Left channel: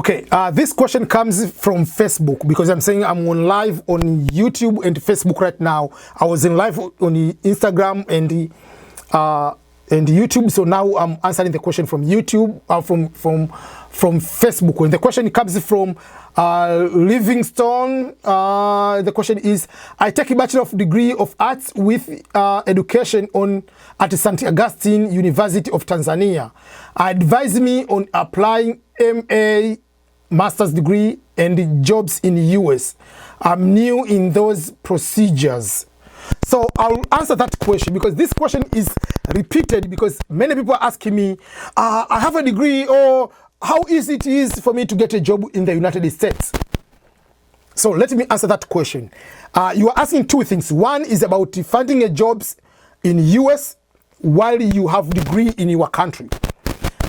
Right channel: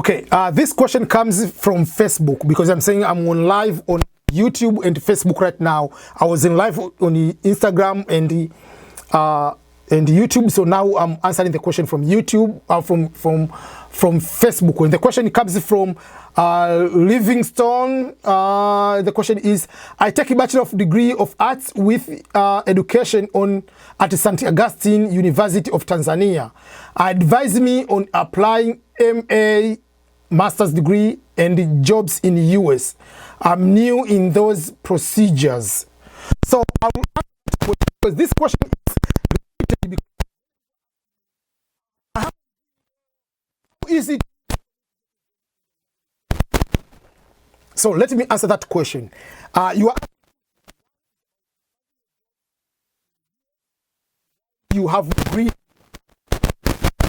Okay, this question comes from Facebook because I'm saying I'm on live on YouTube and Facebook right now. I was in live on Instagram and YouTube, so now I'm answering the question from YouTube, from Facebook. And the question comes from Livingstone. The question is, I take a Bachelor of Degree of Arts with Education at St. Augustine University of Tanzania. Advise me on applying MA master's degree and jobs in the US. I'm new in those procedures. So I'll answer that question because this question is repeated because many people are asking me, I have a degree, or how easy it is for me to get a job in the United States. So let me answer that question. You are asking two things. One is about finding a jobs in the US while you have degree in your country.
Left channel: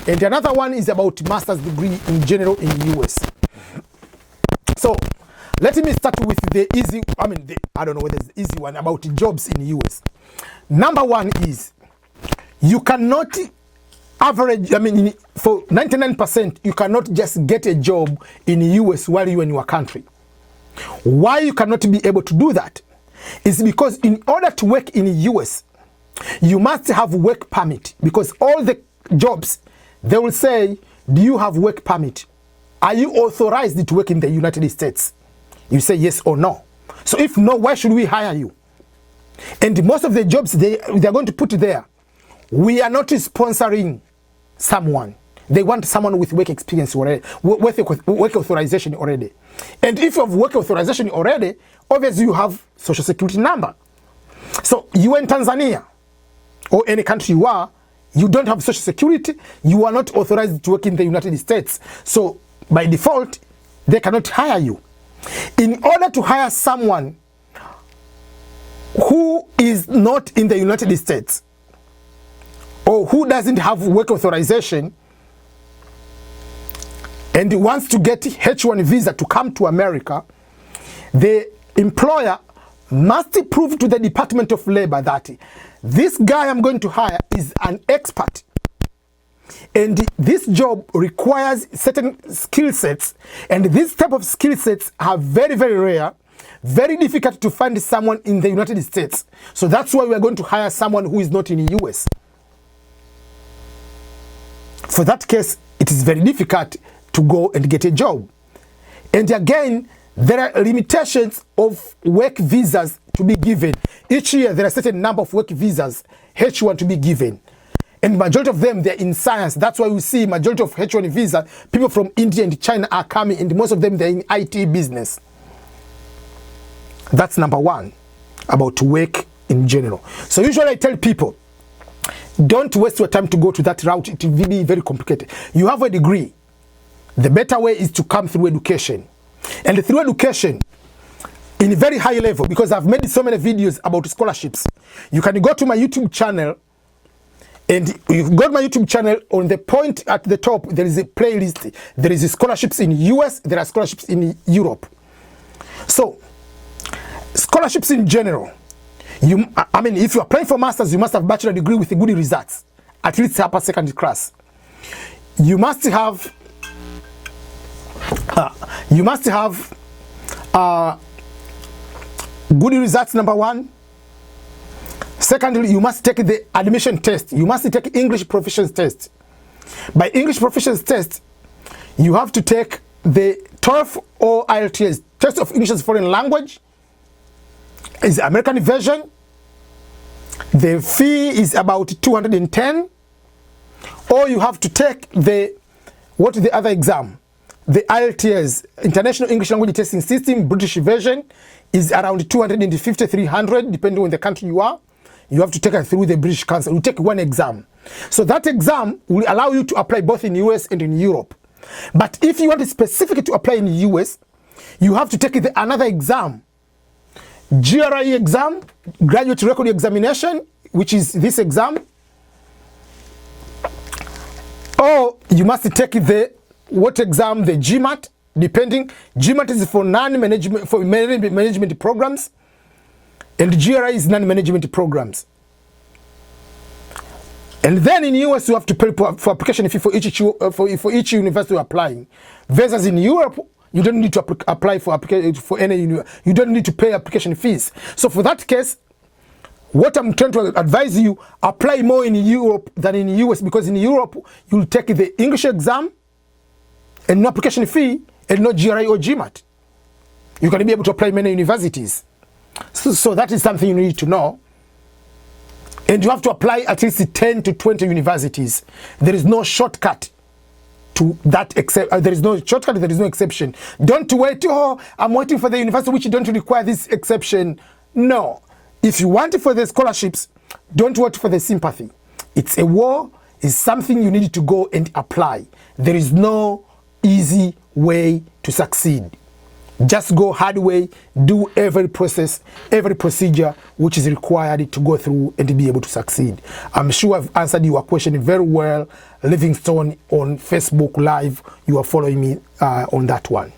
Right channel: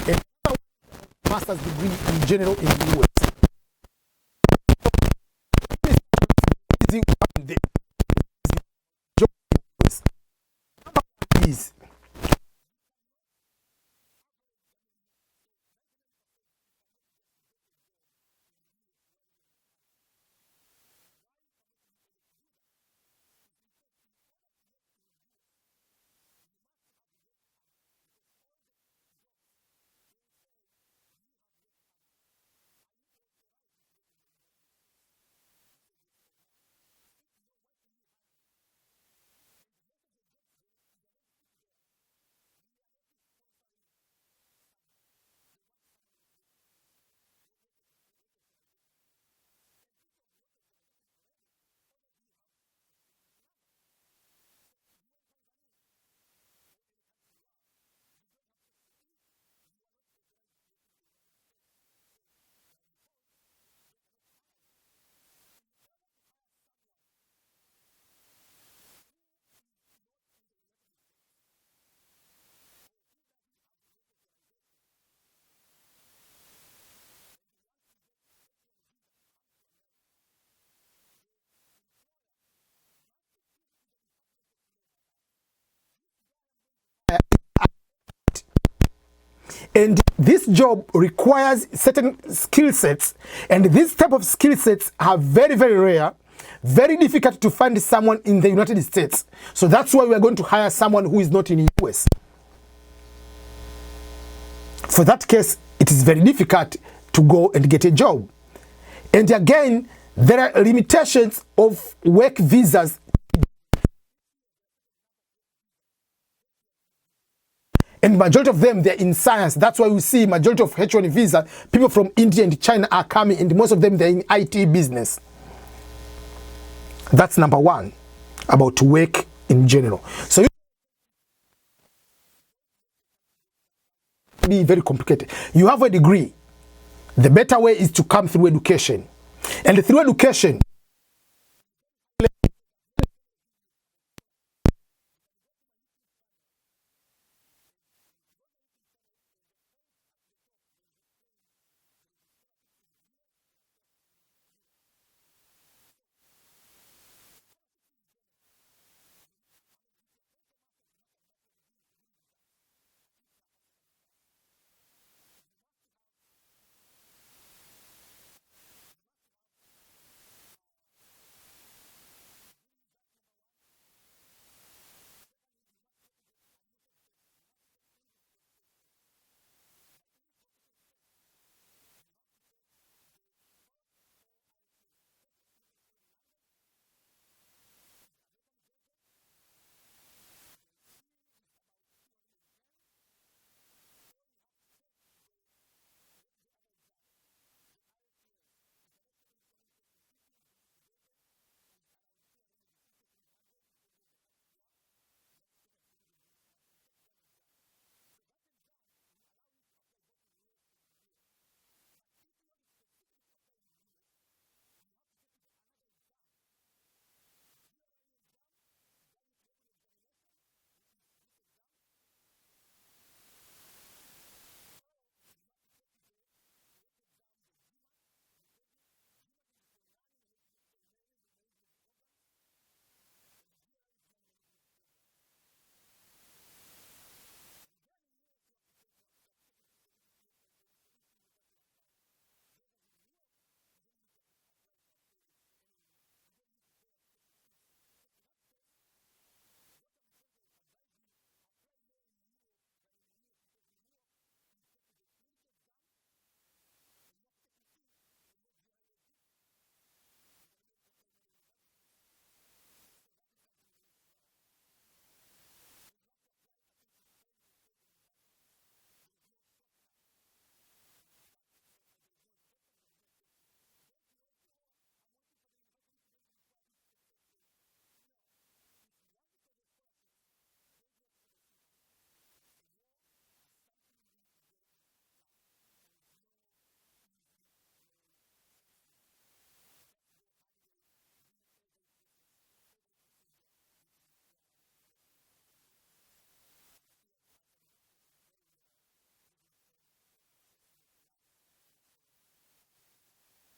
And another one is about master's degree in general in the US. So let me start with the easy, I don't know whether it's the easy one about jobs in the US. Number one is you cannot average, for 99%, you cannot just get a job in the US while you're in your country. Why you cannot be able to do that is because in order to work in the US, you must have work permit, because all the jobs, they will say, do you have work permit? Are you authorized to work in the United States? You say yes or no. So if no, why should we hire you? And most of the jobs they're going to put there, we are not sponsoring someone. They want someone with work experience already, work authorization already. And if you have work authorization already, obviously you have social security number. So you are in Tanzania or any country you are, you don't have social security, you are not authorized to work in the United States. So by default, they cannot hire you. In order to hire someone who is not in the United States or who doesn't have work authorization and wants to get H-1 visa to come to America, the employer must prove to the Department of Labor that this guy I'm going to hire is an expert. And this job requires certain skill sets. And these type of skill sets are very, very rare, very difficult to find someone in the United States. So that's why we are going to hire someone who is not in the US. For that case, it is very difficult to go and get a job. And again, there are limitations of work visas to be given. Each year, there are a certain number of work visas, H-1 to be given. And majority of them, they're in science. That's why we see majority of H-1 visa, people from India and China are coming, and most of them, they're in IT business. That's number one, about work in general. So usually I tell people, don't waste your time to go to that route. It will be very complicated. You have a degree. The better way is to come through education. And through education, in a very high level, because I've made so many videos about scholarships. You can go to my YouTube channel, and you go to my YouTube channel, on the point at the top, there is a playlist. There is scholarships in US, there are scholarships in Europe. So, scholarships in general, if you're applying for masters, you must have bachelor degree with good results, at least upper second class. You must have good results, number one. Secondly, you must take the admission test. You must take English proficiency test. By English proficiency test, you have to take the TOEFL or IELTS, Test of English as Foreign Language. It's the American version. The fee is about 210. Or you have to take the other exam? The IELTS, International English Language Testing System, British version, is around 250, 300, depending on the country you are. You have to take it through the British Council. You take one exam. So that exam will allow you to apply both in the US and in Europe. But if you want specifically to apply in the US, you have to take another exam. GRE exam, Graduate Record Examination, which is this exam. Or you must take what exam? The GMAT, depending. GMAT is for management programs, and GRE is non-management programs. And then in the US, you have to pay for application fee for each university you're applying. Versus in Europe, you don't need to apply for any university. You don't need to pay application fees. So for that case, what I'm trying to advise you, apply more in Europe than in the US, because in Europe, you'll take the English exam and no application fee and no GRE or GMAT. You're going to be able to apply many universities. So that is something you need to know. And you have to apply at least 10 to 20 universities. There is no shortcut to that, there is no shortcut, there is no exception. Don't wait, oh, I'm waiting for the university which don't require this exception. No. If you want it for the scholarships, don't wait for the sympathy. It's a war, it's something you need to go and apply. There is no easy way to succeed. Just go hard way, do every process, every procedure which is required to go through and to be able to succeed. I'm sure I've answered your question very well. Livingstone on Facebook Live, you are following me on that one.